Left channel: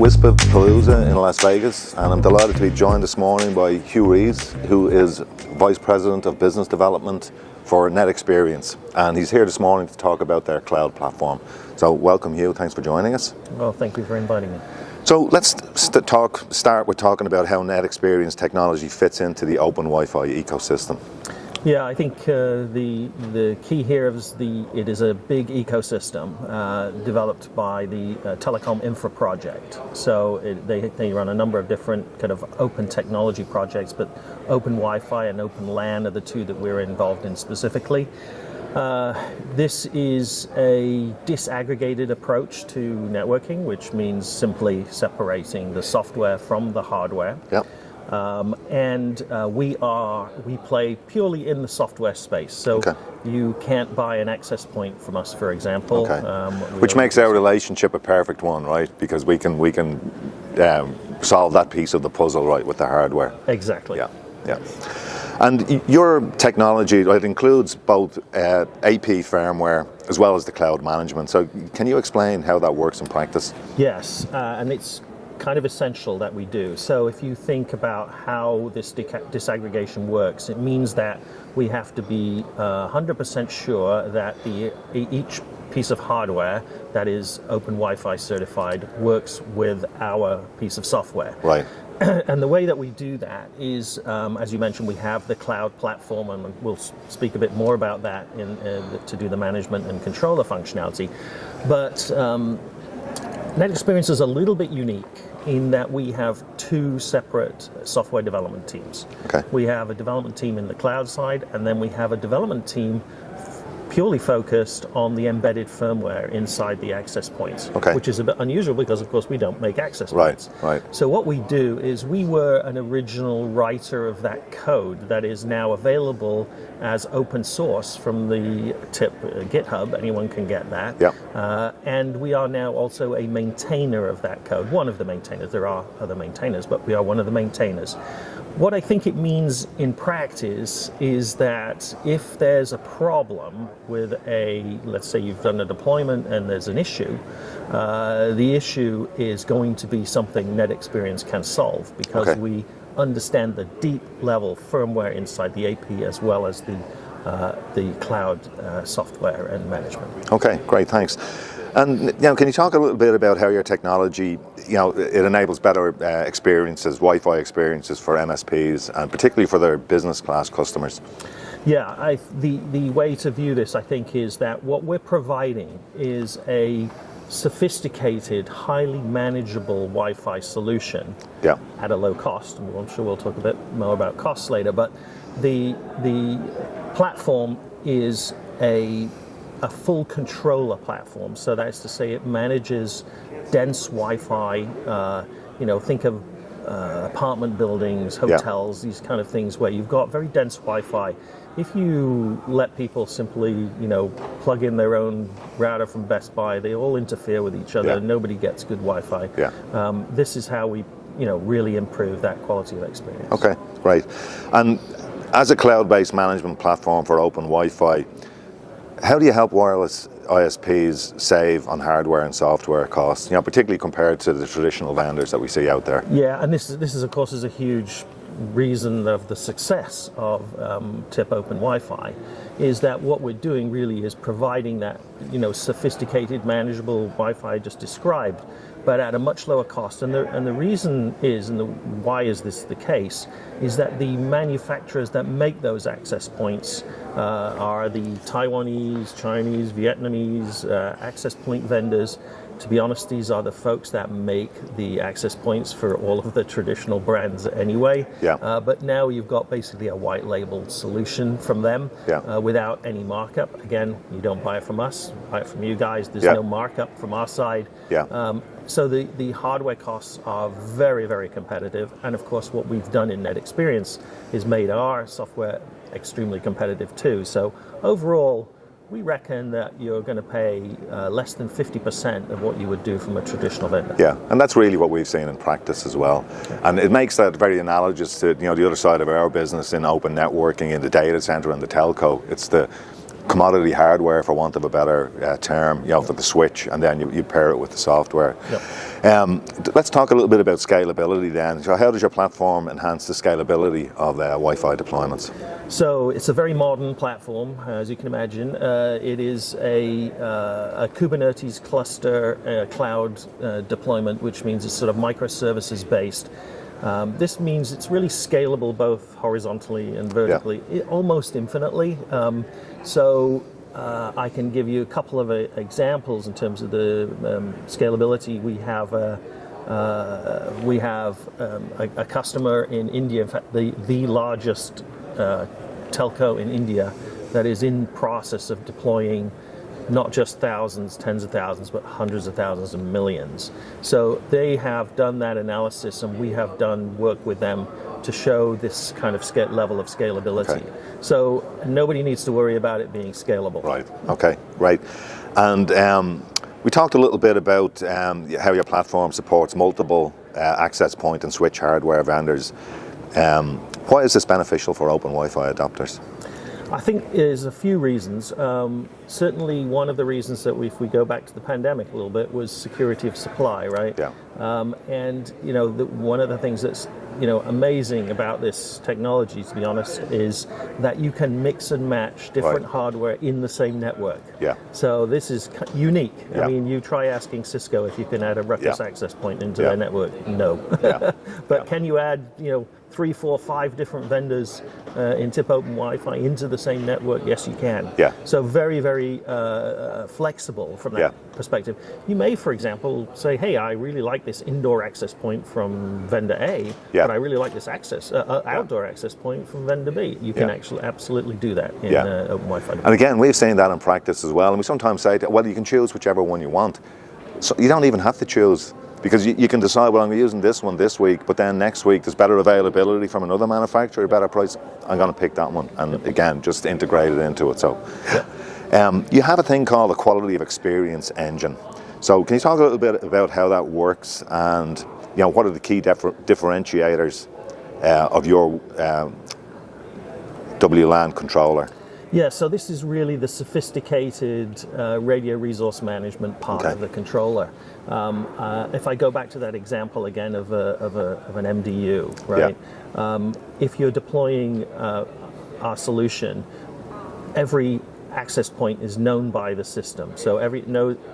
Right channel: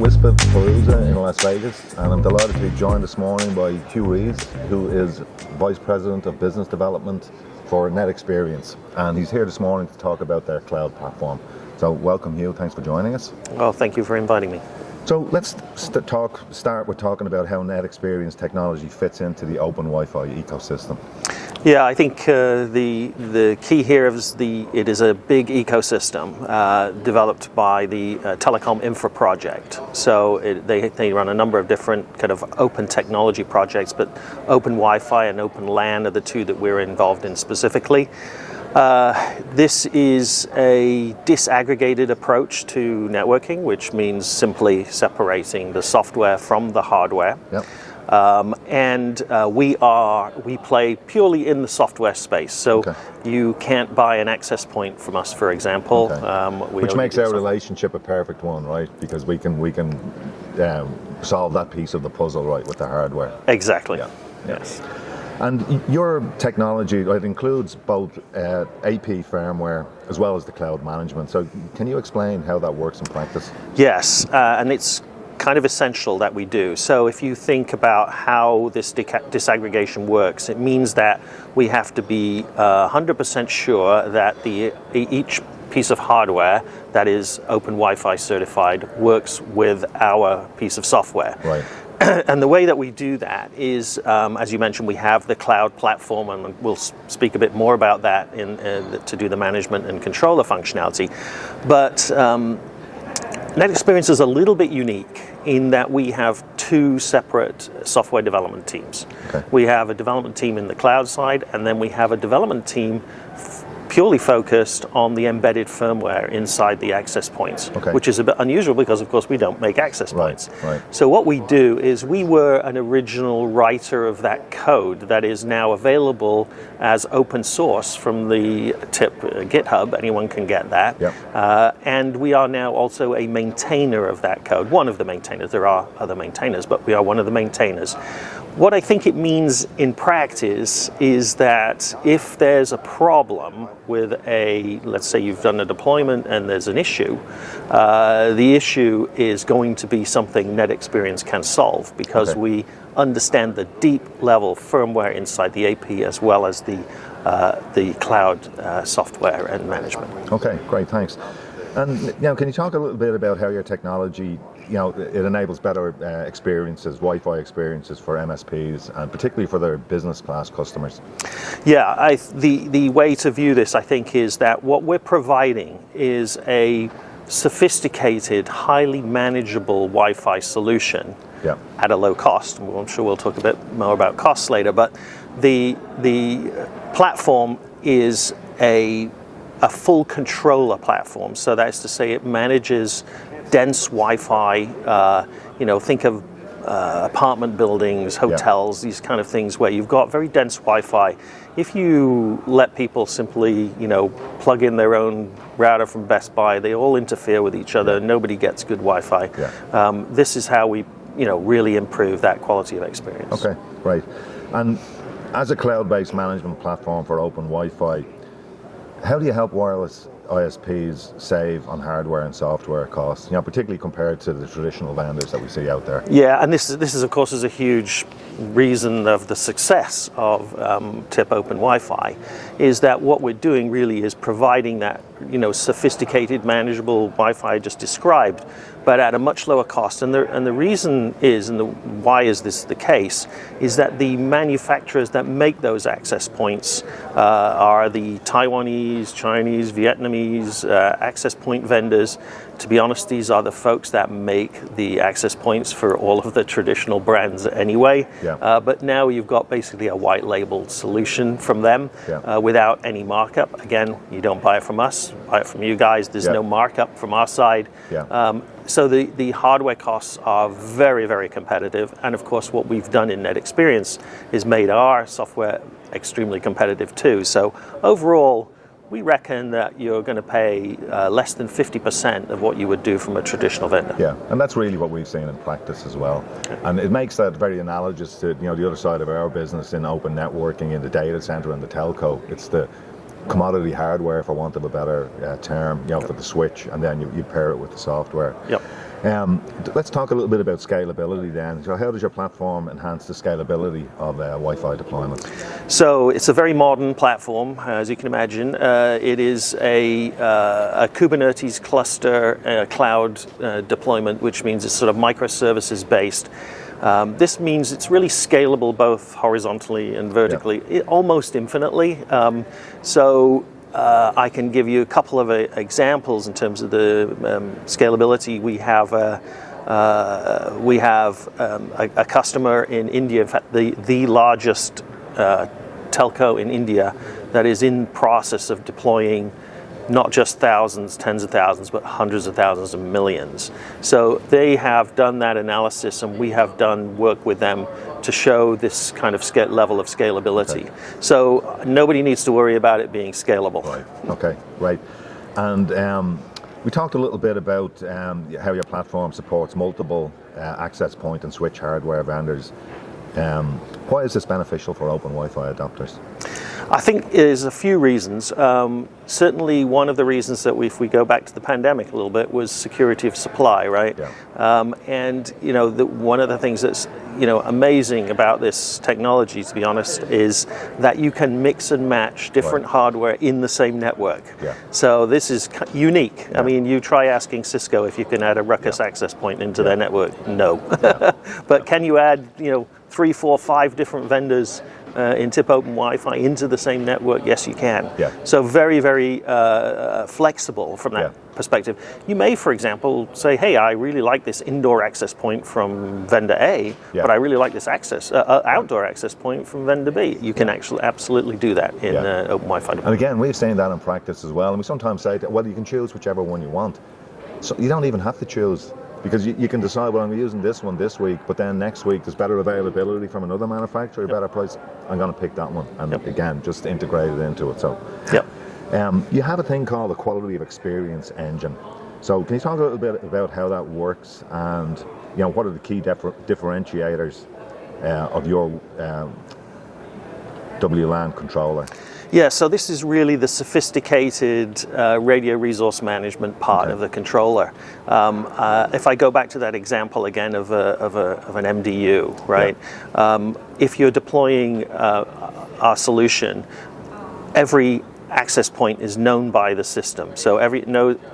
WISPA Palooza in Las Vegas, and I'm delighted to be joined this morning by Huw Rees, who is Vice President of Business Development for NetExperience, and he's here this morning to talk about their cloud platform. So welcome, Huw, thanks for joining us. Well, thank you for inviting me. So let's start with talking about how NetExperience technology fits into the open Wi-Fi ecosystem. Yeah, I think the key here is it is a big ecosystem developed by the Telecom Infra project. So they run a number of different kind of open technology projects, but Open Wi-Fi and Open LAN are the two that we're involved in specifically. This is a disaggregated approach to networking, which means simply separating the software from the hardware. Yep. We play purely in the software space, so okay. You can't buy an access point from us, for example. Okay. Which makes our relationship a perfect one, right? Because we can solve that piece of the puzzle, right, with the hardware. Exactly. Yeah. Yes. And your technology, it includes both AP firmware as well as the cloud management. So can you explain how that works in practice? Yes, and it's kind of essential that we do. So if you think about how this disaggregation works, it means that we have to be 100% sure that each piece of hardware that is Open Wi-Fi certified works with our piece of software. Right. And the way that we do that is, as you mentioned, we have the cloud platform, and we'll speak a bit more about that to do the management and controller functionality. But NetExperience is a little bit unique in that we have two separate software development teams. Okay. We have a development team in the cloud side, and then we have a development team purely focused on the embedded firmware inside the access points, okay. which is a bit unusual because, of course, we don't make access points. Right. So what we do is we were an original writer of that code that is now available as open source from the GitHub. Anyone can get that. Yep. And we are now also a maintainer of that code, one of the maintainers. There are other maintainers, but we are one of the maintainers. What I think it means in practice is that if there's a problem with let's say you've done a deployment and there's an issue, the issue is going to be something NetExperience can solve because okay. we understand the deep level firmware inside the AP as well as the cloud software and management. Okay, great, thanks. And can you talk a little bit about how your technology, it enables better experiences, Wi-Fi experiences for MSPs, and particularly for their business class customers? Yeah, the way to view this, I think, is that what we're providing is a sophisticated, highly manageable Wi-Fi solution at a low cost. I'm sure we'll talk a bit more about costs later, but the platform is a full controller platform. So that's to say it manages dense Wi-Fi, think of apartment buildings, hotels, these kind of things where you've got very dense Wi-Fi. If you let people simply, plug in their own router from Best Buy, they all interfere with each other and nobody gets good Wi-Fi. This is how we, really improve that quality of experience. Okay, right. And as a cloud-based management platform for open Wi-Fi, how do you help wireless ISPs save on hardware and software costs, particularly compared to the traditional vendors that we see out there? Yeah, and this is of course is a huge reason of the success of TIP Open Wi-Fi, is that what we're doing really is providing that sophisticated, manageable Wi-Fi I just described, but at a much lower cost. And the reason is, why is this the case, is that the manufacturers that make those access points are the Taiwanese, Chinese, Vietnamese access point vendors. To be honest, these are the folks that make the access points for all of the traditional brands anyway. But now you've got basically a white labeled solution from them without any markup. Again, you don't buy it from us, buy it from you guys. There's no markup from our side. So the hardware costs are very, very competitive. And of course, what we've done in NetExperience is made our software extremely competitive too. So overall, we reckon that you're going to pay less than 50% of what you would do from a traditional vendor. Yeah, and that's really what we've seen in practice as well. And it makes that very analogous to the other side of our business in open networking, in the data center and the telco. It's the commodity hardware, for want of a better term, for the switch, and then you pair it with the software. Let's talk a little bit about scalability then. So how does your platform enhance the scalability of Wi-Fi deployments? So it's a very modern platform, as you can imagine. It is a Kubernetes cluster cloud deployment, which means it's sort of microservices based. This means it's really scalable both horizontally and vertically, almost infinitely. I can give you a couple of examples in terms of the scalability. We have a customer in India, in fact, the largest telco in India, that is in process of deploying not just thousands, tens of thousands, but hundreds of thousands and millions. So they have done that analysis, and we have done work with them to show this kind of level of scalability. Okay. So nobody needs to worry about it being scalable. Right, okay, right. And we talked a little bit about how your platform supports multiple access point and switch hardware vendors. Why is this beneficial for open Wi-Fi adopters? I think there's a few reasons. Certainly one of the reasons that if we go back to the pandemic a little bit was security of supply, right? Yeah. And one of the things that's amazing about this technology, to be honest, is that you can mix and match different hardware in the same network. Yeah. So this is unique. Yeah. I mean, you try asking Cisco if you can add a ruckus access point into their network. No. Yeah. But can you add 3, 4, 5 different vendors in tip open Wi-Fi into the same network? Yes, you can. Yeah. So very, very flexible from that perspective. You may, for example, say, hey, I really like this indoor access point from vendor A, but I really like this outdoor access point from vendor B. You can actually absolutely do that in open Wi-Fi. And again, we've seen that in practice as well. And we sometimes say, well, you can choose whichever one you want. So you don't even have to choose. Because you can decide, well, I'm using this one this week, but then next week there's better availability from another manufacturer, better price. I'm going to pick that one, and again, just integrate it into it. So, you have a thing called a quality of experience engine. So, can you talk a little bit about how that works, and what are the key differentiators of your WLAN controller? Yeah, so this is really the sophisticated radio resource management part of the controller. If I go back to that example again of an MDU, right? If you're deploying our solution, every access point is known by the system. So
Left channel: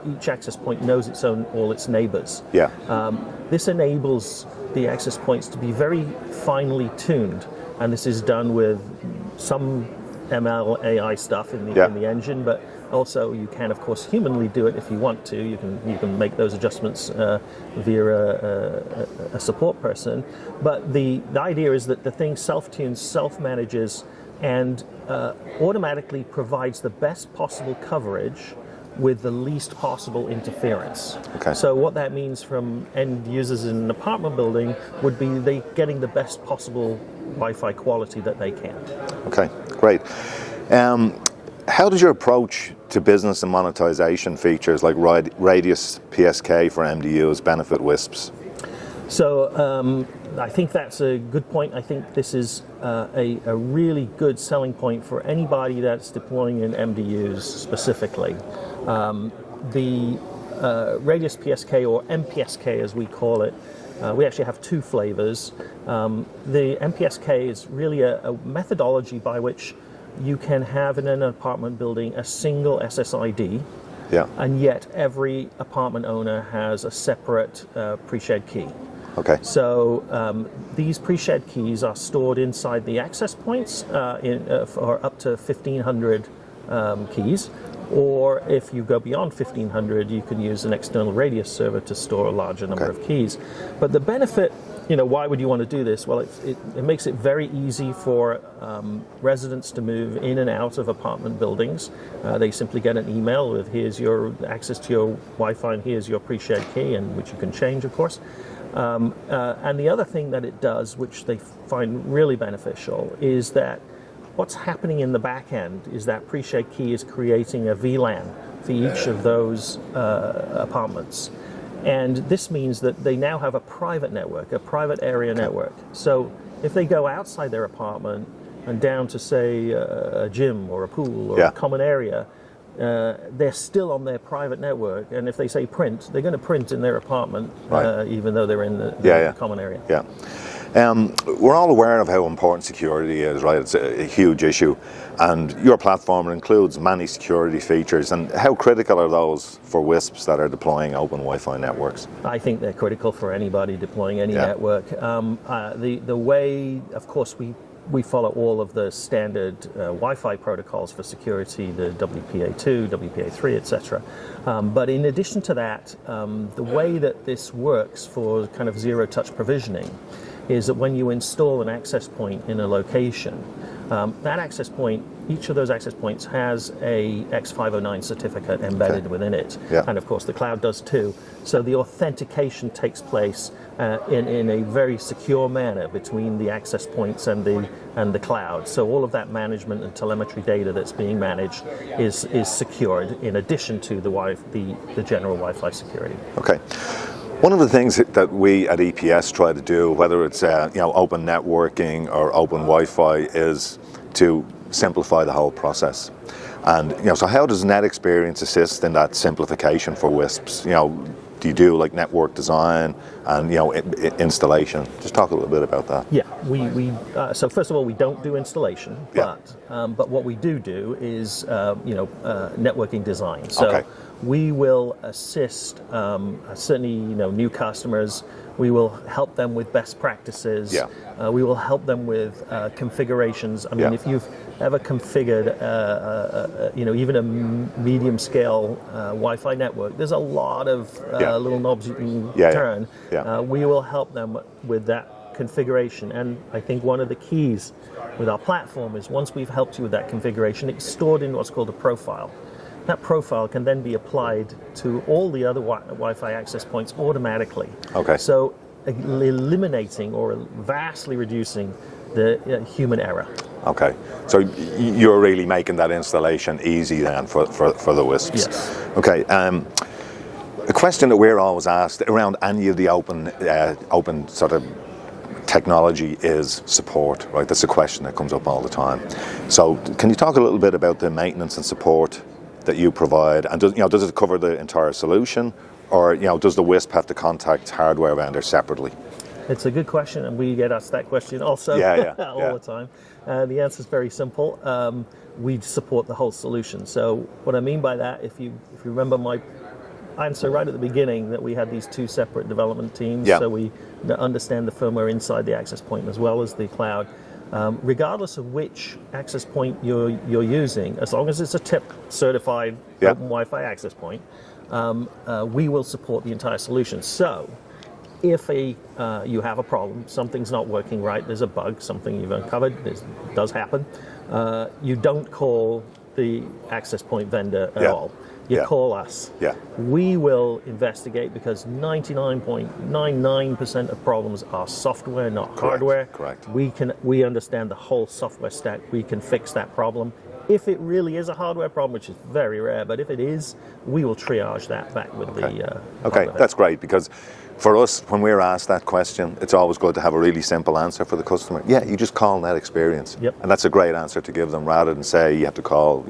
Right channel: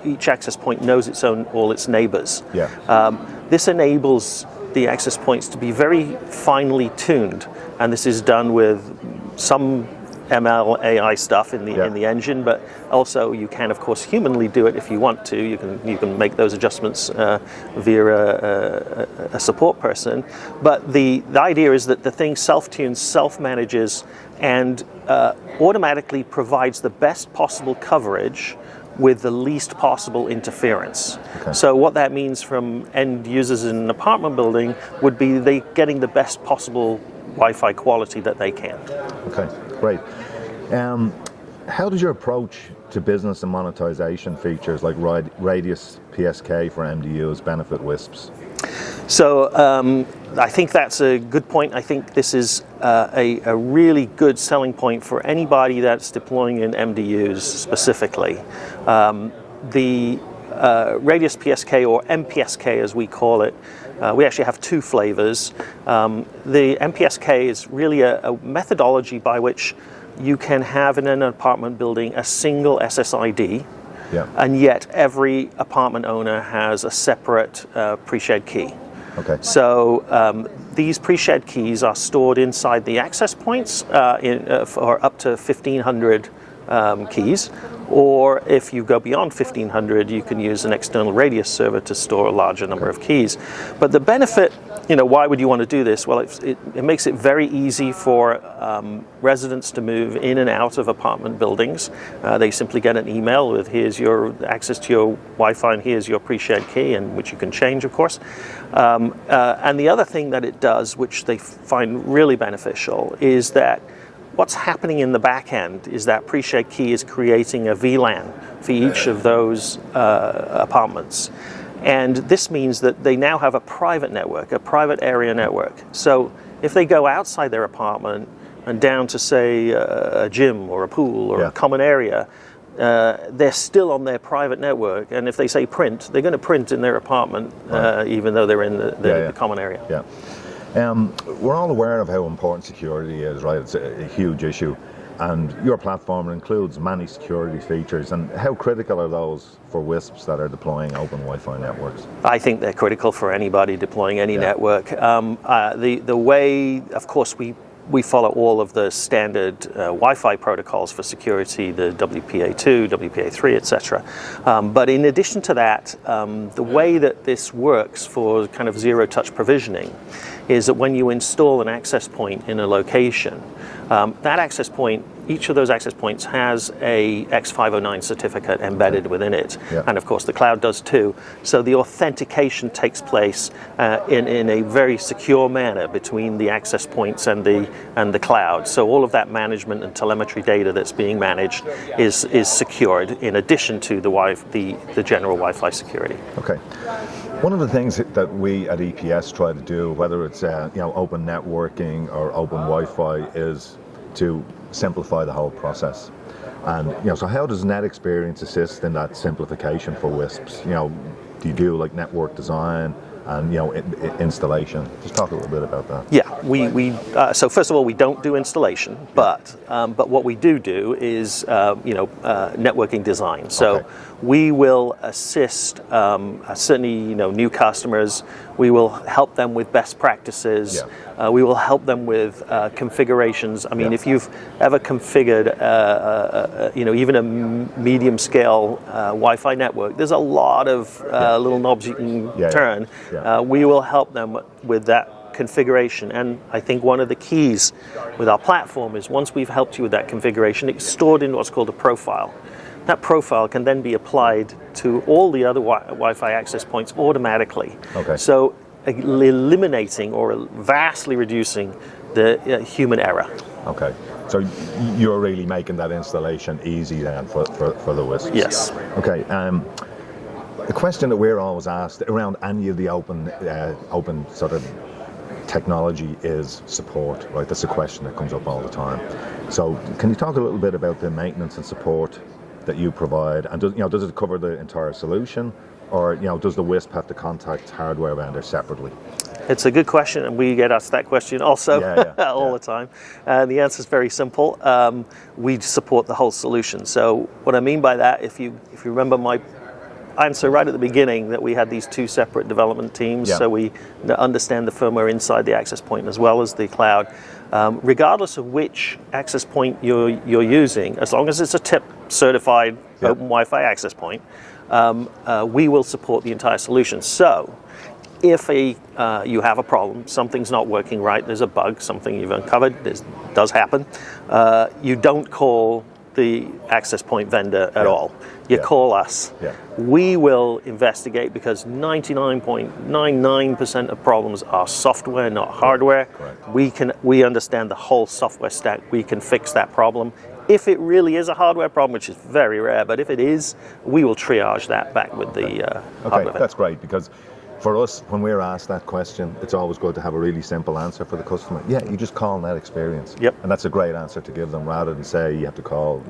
each access point knows all its neighbors. Yeah. This enables the access points to be very finely tuned, and this is done with some ML AI stuff in the engine, but also you can, of course, humanly do it if you want to. You can make those adjustments via a support person. But the idea is that the thing self-tunes, self-manages, and automatically provides the best possible coverage with the least possible interference. Okay. So what that means from end users in an apartment building would be they getting the best possible Wi-Fi quality that they can. Okay, great. How does your approach to business and monetization features like Radius PSK for MDUs benefit WISPs? So I think that's a good point. I think this is a really good selling point for anybody that's deploying in MDUs specifically. The Radius PSK, or MPSK as we call it, we actually have 2 flavors. The MPSK is really a methodology by which you can have in an apartment building a single SSID, and yet every apartment owner has a separate pre-shared key. Okay. So these pre-shared keys are stored inside the access points for up to 1,500 keys. Or if you go beyond 1,500, you can use an external Radius server to store a larger number of keys. But the benefit, why would you want to do this? Well, it makes it very easy for residents to move in and out of apartment buildings. They simply get an email with, here's your access to your Wi-Fi, and here's your pre-shared key, and which you can change, of course. And the other thing that it does, which they find really beneficial, is that what's happening in the back end is that pre-shared key is creating a VLAN for each of those apartments. And this means that they now have a private network, a private area network. So if they go outside their apartment and down to, say, a gym or a pool or a common area, they're still on their private network, and if they say print, they're going to print in their apartment, even though they're in the common area. Yeah. We're all aware of how important security is, right? It's a huge issue. And your platform includes many security features. And how critical are those for WISPs that are deploying open Wi-Fi networks? I think they're critical for anybody deploying any network. The way, of course, we follow all of the standard Wi-Fi protocols for security, the WPA2, WPA3, etc. But in addition to that, the way that this works for kind of zero-touch provisioning is that when you install an access point in a location, that access point, each of those access points has a X509 certificate embedded within it. Yeah. And of course the cloud does too. So the authentication takes place in a very secure manner between the access points and the cloud. So all of that management and telemetry data that's being managed is secured in addition to the general Wi-Fi security. Okay. One of the things that we at EPS try to do, whether it's open networking or open Wi-Fi, is to simplify the whole process. And so how does NetExperience assist in that simplification for WISPs? Do you do like network design and installation? Just talk a little bit about that. Yeah, so first of all, we don't do installation, but what we do is networking design. So we will assist certainly new customers. We will help them with best practices. Yeah. We will help them with configurations. I mean, if you've ever configured even a medium scale Wi-Fi network, there's a lot of little knobs you can turn. Yeah. We will help them with that configuration, and I think one of the keys with our platform is once we've helped you with that configuration, it's stored in what's called a profile. That profile can then be applied to all the other Wi-Fi access points automatically. Okay. So eliminating or vastly reducing the human error. Okay. So you're really making that installation easy then for the WISPs. Yes. Okay. A question that we're always asked around any of the open sort of technology is support, right? That's a question that comes up all the time. So can you talk a little bit about the maintenance and support that you provide, and does it cover the entire solution, or does the WISP have to contact hardware vendors separately? It's a good question, and we get asked that question also all the time. The answer is very simple. We support the whole solution. So what I mean by that, if you remember my answer right at the beginning, that we had these two separate development teams, so we understand the firmware inside the access point as well as the cloud. Regardless of which access point you're using, as long as it's a TIP certified open Wi-Fi access point, we will support the entire solution. So if you have a problem, something's not working right, there's a bug, something you've uncovered, this does happen, you don't call the access point vendor at all. You call us. We will investigate, because 99.99% of problems are software, not hardware. Correct. We understand the whole software stack. We can fix that problem. If it really is a hardware problem, which is very rare, but if it is, we will triage that back with the hardware. That's great, because for us, when we're asked that question, it's always good to have a really simple answer for the customer. You just call NetExperience. And that's a great answer to give them, rather than say you have to call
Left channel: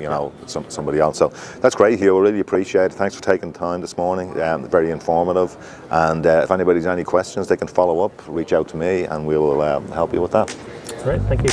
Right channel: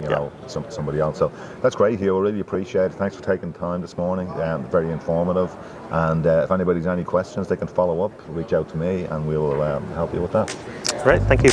somebody else. So that's great, Huw. I really appreciate it. Thanks for taking the time this morning. Very informative. And if anybody's any questions, they can follow up, reach out to me, and we will help you with that. Great, thank you.